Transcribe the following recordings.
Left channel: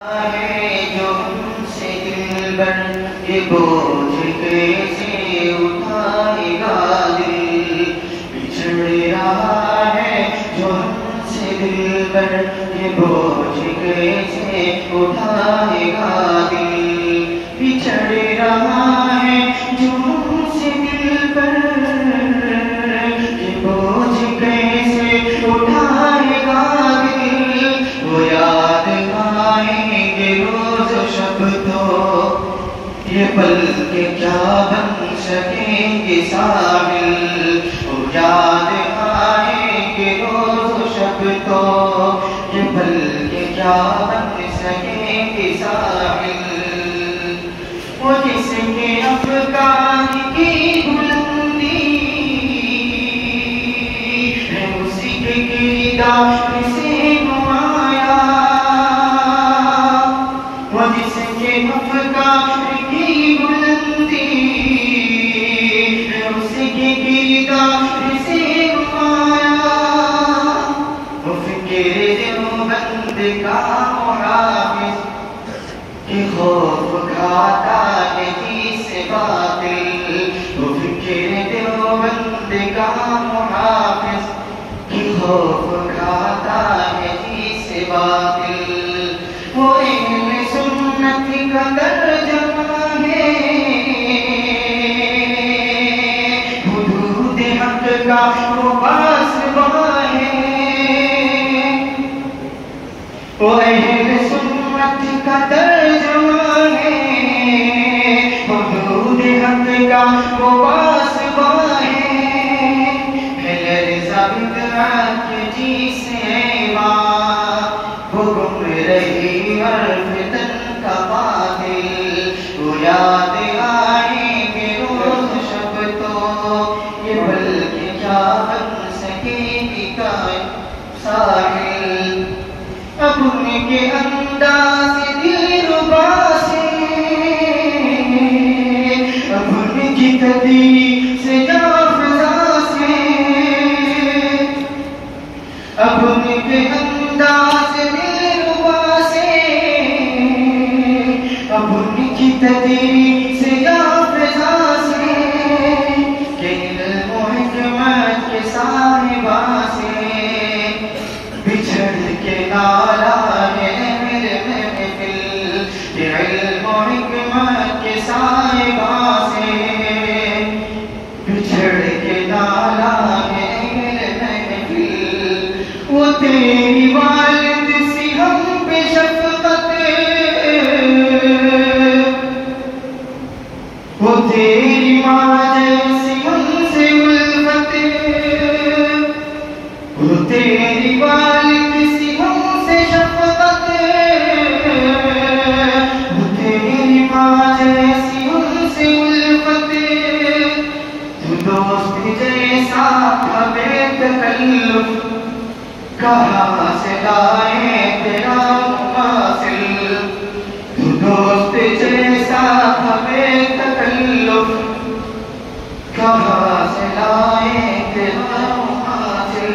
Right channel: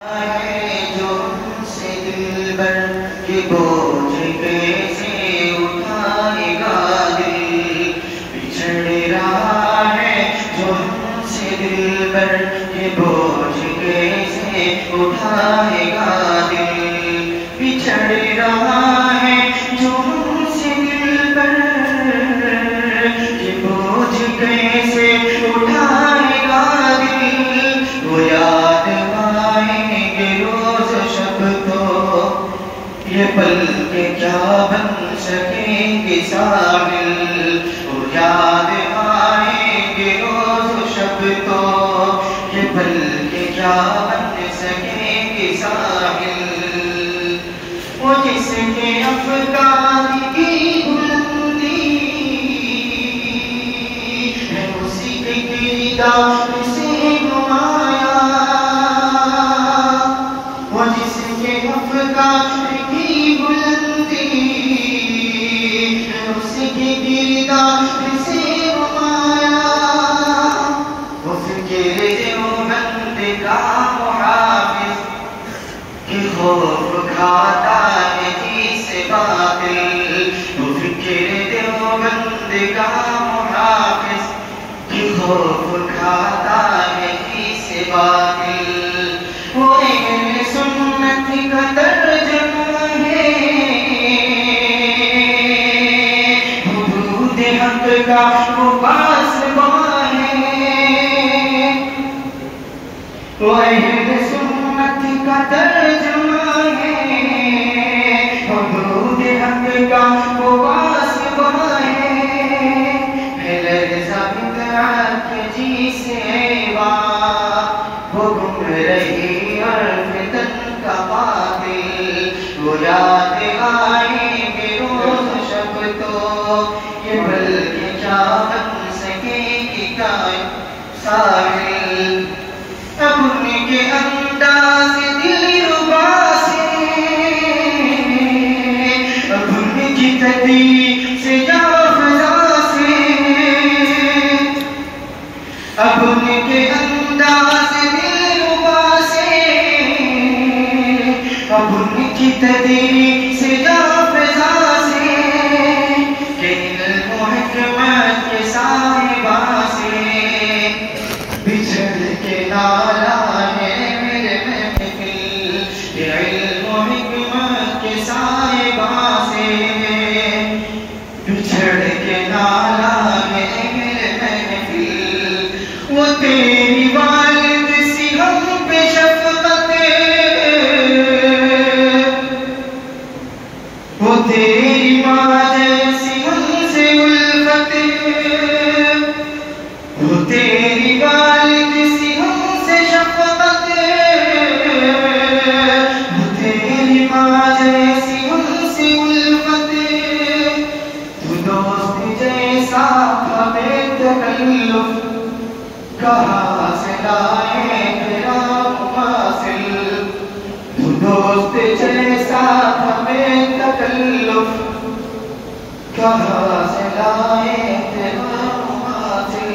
जो हमसे दिलबर ये बोझ कैसे उठाएगा दिल। बिछड़ रहा है जो हमसे दिलबर ये बोझ कैसे उठाएगा दिल। बिछड़ रहा है जो हमसे दिलबर ये बोझ कैसे उठाएगा दिल। वो याद आएंगे रोज शब तो ये पल के क्या बन सकेंगे साहिल। वो याद आएंगे रोज शब तो ये पल के क्या बन सकेंगे साहिल। वो जिसके अफगान की बुलंदी है उसी के किरदार से घुमाया। वो जिसके अफगान की बुलंदी है उसी के किरदार से घुमाया। वो फिक्र देवबंद का मुहाफिज कि खौफ खाता है से बातिल। वो फिक्र देवबंद का मुहाफिज कि खौफ खाता है से बातिल। वो अहले सुन्नत का तर्जुमा है हुदूद हक का वो पासबां है। वो अहले सुन्नत का तर्जुमा है हुदूद हक का वो पासबां है। लर्ज़ा बिदअत के जी से वो गुम रही और फितन का कातिल। वो याद आएंगे रोज शब तो ये पल के क्या बन सकेगी साहिल। अब उनके अंदाज़ दिलरुबा से अब उनकी तदबीर से जाफ़ज़ा से अब उनके अंदाज़ दिलरुबा से अब उनकी तदबीर से जाफ़ज़ा से के इल्म हिकमत के साहिबा से बिछड़ के नाला है मेरे महफिल। के इल्म हिकमत के साहिबा से बिछड़ के नाला है मेरे महफिल। वो तेरी वालिद सी हम पे शफ़क़त वो तेरी माँ जैसी हमसे उल्फत। वो तेरी वालिद सी हमसे शफ़क़त वो तेरी माँ जैसी हमसे उल्फत। तू दोस्त जैसा था बेतकल्लुफ़ कहाँ से लाए तेरा मुवासिल। तू दोस्त जैसा था बेतकल्लुफ़ कहाँ से लाए तेरा मुवासिल।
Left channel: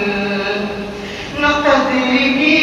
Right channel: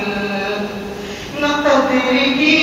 न क़द्र की